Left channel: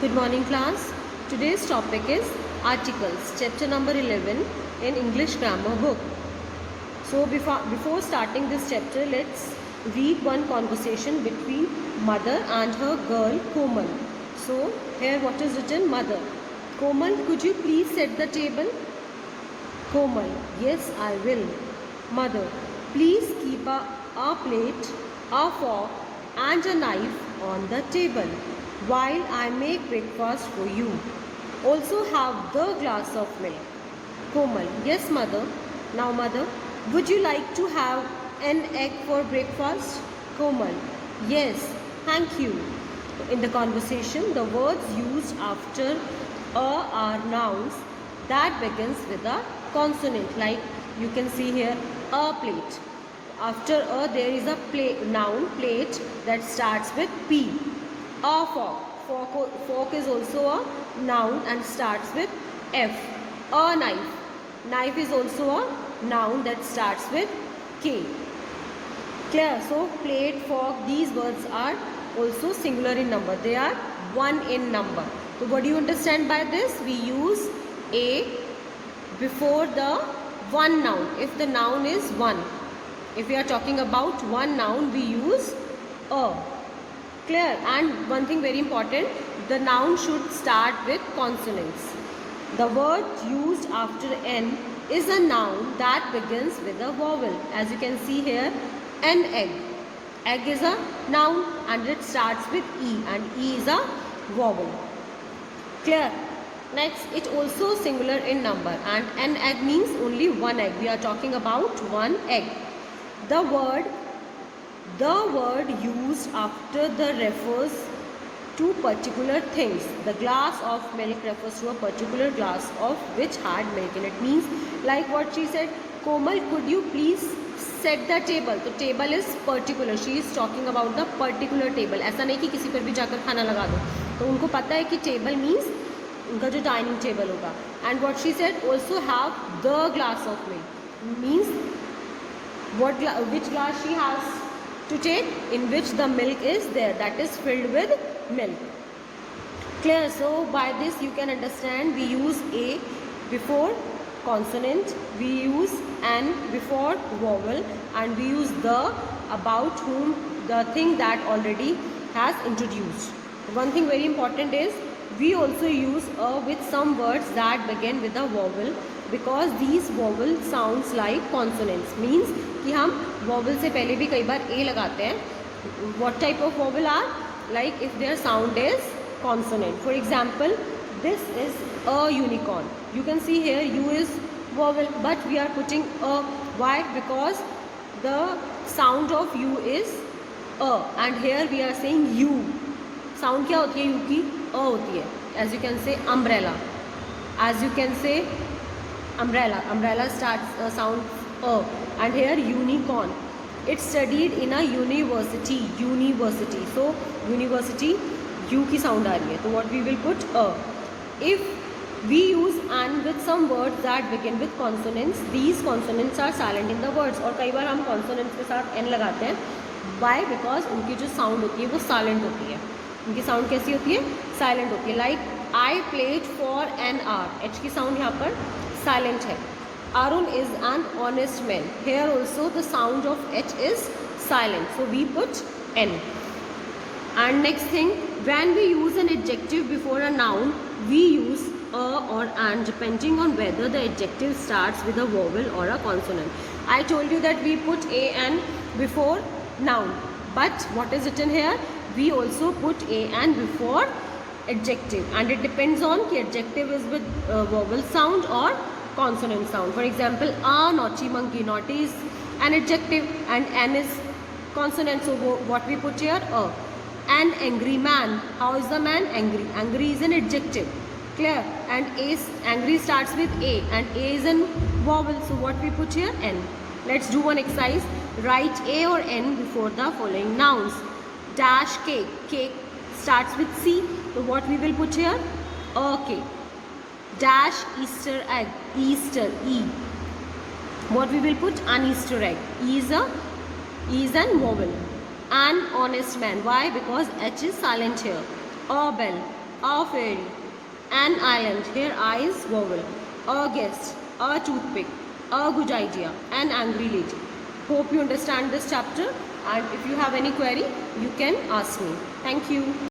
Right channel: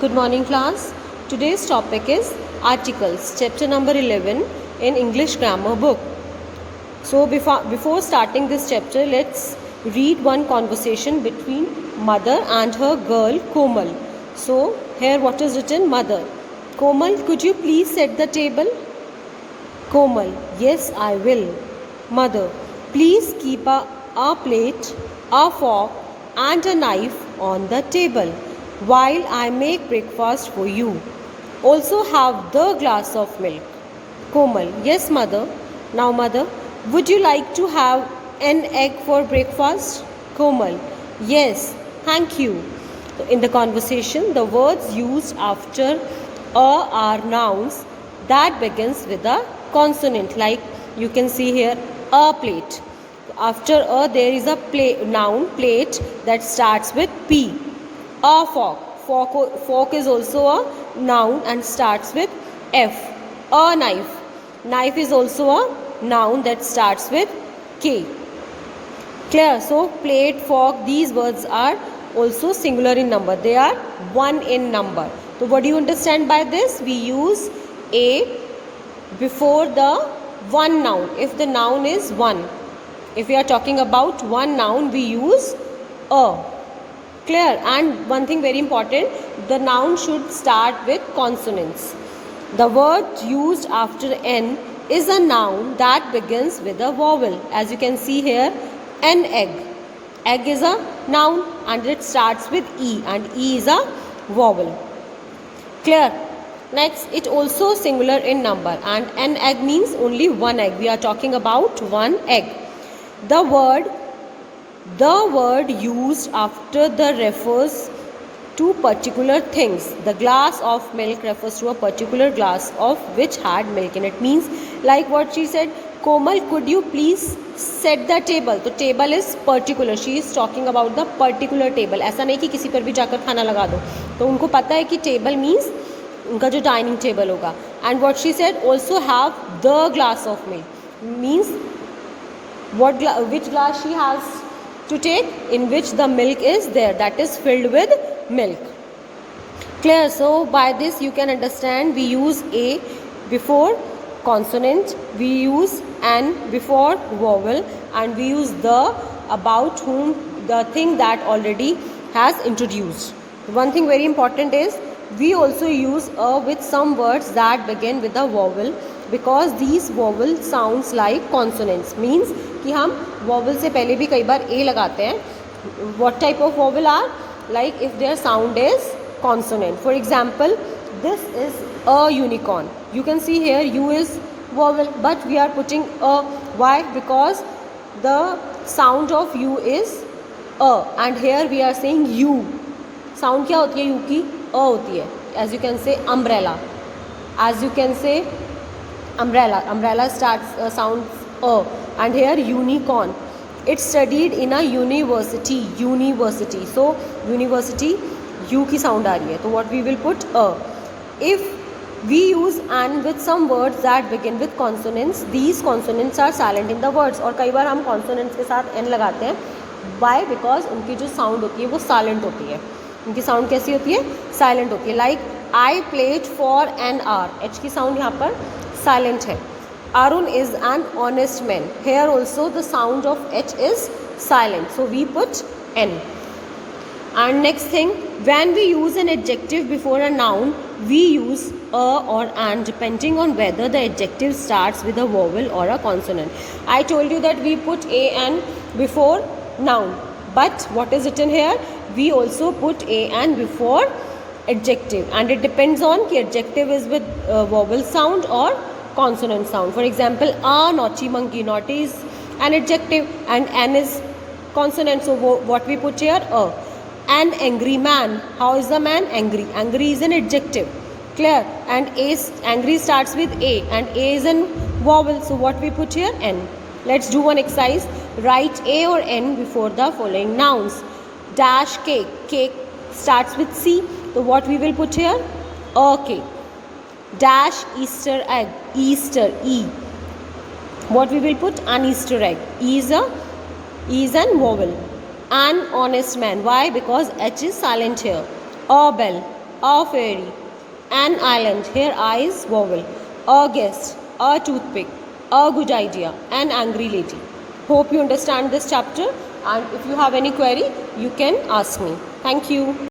Good morning class. Today's topic is articles, chapter number 11 in English grammar book. So before starting this chapter, let's read one conversation between mother and her girl Komal. So here what is written? Mother: Komal, could you please set the table? Komal: yes, I will. Mother: please keep a plate, a fork and a knife on the table while I make breakfast for you. Also have the glass of milk. Komal: yes, mother. Now, mother, would you like to have an egg for breakfast? Komal: yes, thank you. In the conversation, the words used after a are nouns that begins with a consonant, like you can see here, a plate. After a there is a noun plate that starts with P. A fork is also a noun and starts with F. A knife is also a noun that starts with K. Clear? So plate, fork, these words are also singular in number. They are one in number. So what do you understand by this? We use a before the one noun. If the noun is one, if we are talking about one noun, we use a. Clear? And one thing very important, the noun should start with consonants. The word used after N is a noun that begins with a vowel. As you can see here, an egg. Egg is a noun and it starts with E, and E is a vowel. Clear? Next, it also singular in number, and an egg means only one egg. We are talking about one egg. The word used after the refers to particular things. The glass of milk refers to a particular glass of which had milk in it. Means like what she said, Komal, could you please set the table? The table is particular. She is talking about the particular table. ऐसा नहीं कि किसी पर भी जाकर खाना लगा दो. तो उनको पता है कि table means उनका जो डाइनिंग टेबल होगा. And what she said, also have the glass of milk means which glass she has to take, in which the milk is there, that is filled with milk. Clear? So by this you can understand we use a before consonant, we use an before vowel, and we use the about whom, the thing that already has introduced. One thing very important is we also use a with some words that begin with a vowel, because these vowel sounds like consonants. Means कि हम vowel से पहले भी कई बार a लगाते हैं. What type of vowel are? Like if their sound is consonant. For example, this is a unicorn. You can see here U is vowel, but we are putting a. Why? Because the sound of U is a, and here we are saying U. Sound क्या होती है U की? A होती है. As you can say umbrella. As you can say umbrella. Umbrella starts sound a. And here unicorn. It's studied in a university. University. So university U की sound आ रही है. तो what we will put a. If we use and with some words that begin with consonants, these consonants are silent in the words. और कई बार हम consonants के साथ n लगाते हैं. Why? Because उनकी जो sound होती है वो silent होती है. उनकी साउंड कैसी होती है? साइलेंट होती है. Like I played for an R. H की साउंड यहाँ पर साइलेंट है. Arun is an honest man. Here also the sound of H is silent, so we put an. And next thing, when we use an adjective before a noun, we use a or an depending on whether the adjective starts with a vowel or a consonant. I told you that we put a and before noun, but what is written here? We also put a and before adjective, and it depends on कि adjective is with vowel sound or consonant sound. For example, a naughty monkey. Naughty is an adjective and n is consonant, so what we put here? A. An angry man. How is the man? Angry. Angry is an adjective. Clear? And angry starts with a, and a is an vowel, so what we put here? N. Let's do one exercise. Write a or n before the following nouns. Dash cake. Cake starts with C, so what we will put here? A cake. Dash Easter egg. Easter, E. What we will put? An Easter egg. E is an vowel. An honest man. Why? Because H is silent here. A bell. a fairy, an island, here I is vowel, a guest, a toothpick, a good idea, an angry lady. Hope you understand this chapter, and if you have any query, you can ask me. Thank you.